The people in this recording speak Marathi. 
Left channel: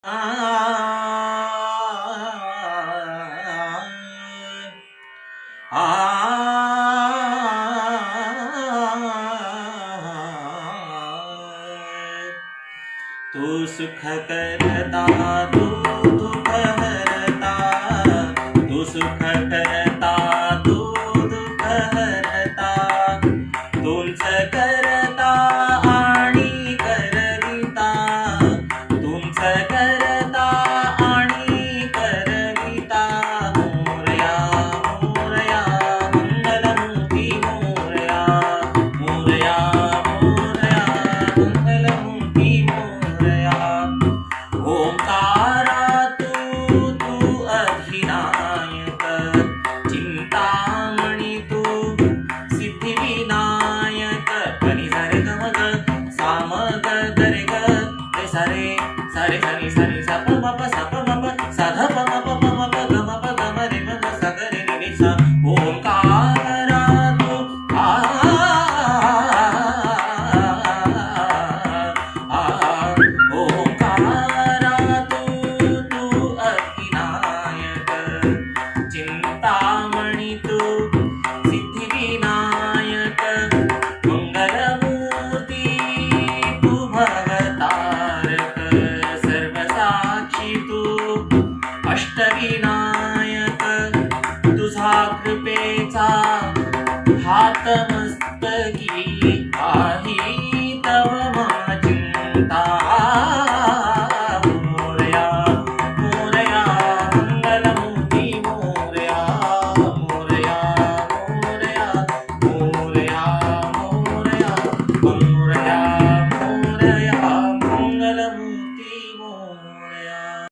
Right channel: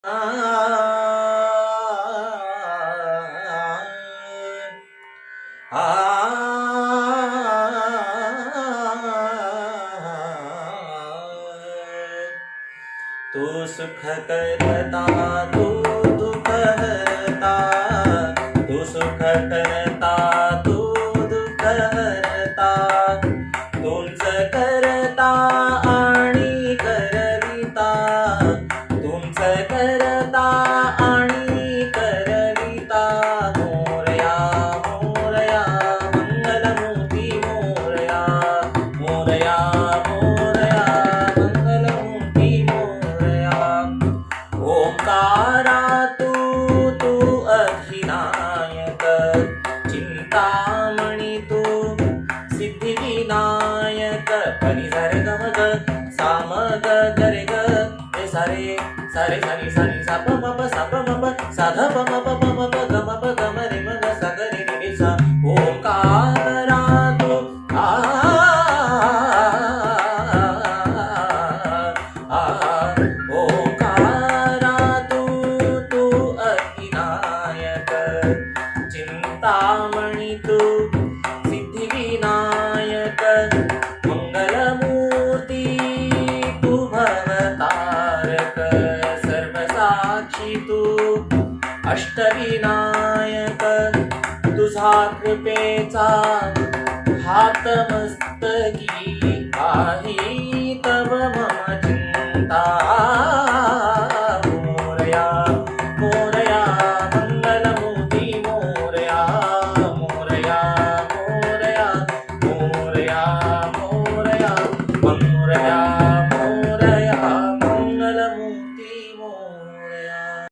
तू सुख करता तू दुःख हरता, तू सुख करता तू दुःख हरता, तुमच करता आणि करविता, तुमच करता आणि करविता. मोरया मोरया मंगलमूर्ती मोरया, मोरया मोरया मंगलमूर्ती मोरया. ओंकारा तू अधिनायक, चिंतामणी तू सिद्धिविनायक. पनी सारे ग म ग सा म ग ग रे ग रे सा रे सा रे सा नी सा नी सा प म प सा प म प सा ध प म प प म प ग म प ग म रे म ग सा ग रे रे सा. ओंकारा तू ओंकारा तू अधिनायक, चिंतामणी तू सिद्धिविनायक. मंगलमूर्ती तू भवतारक, सर्वसाक्षी तू अष्टविनायक. तुझा कृपेचा हात मस्तकी आहे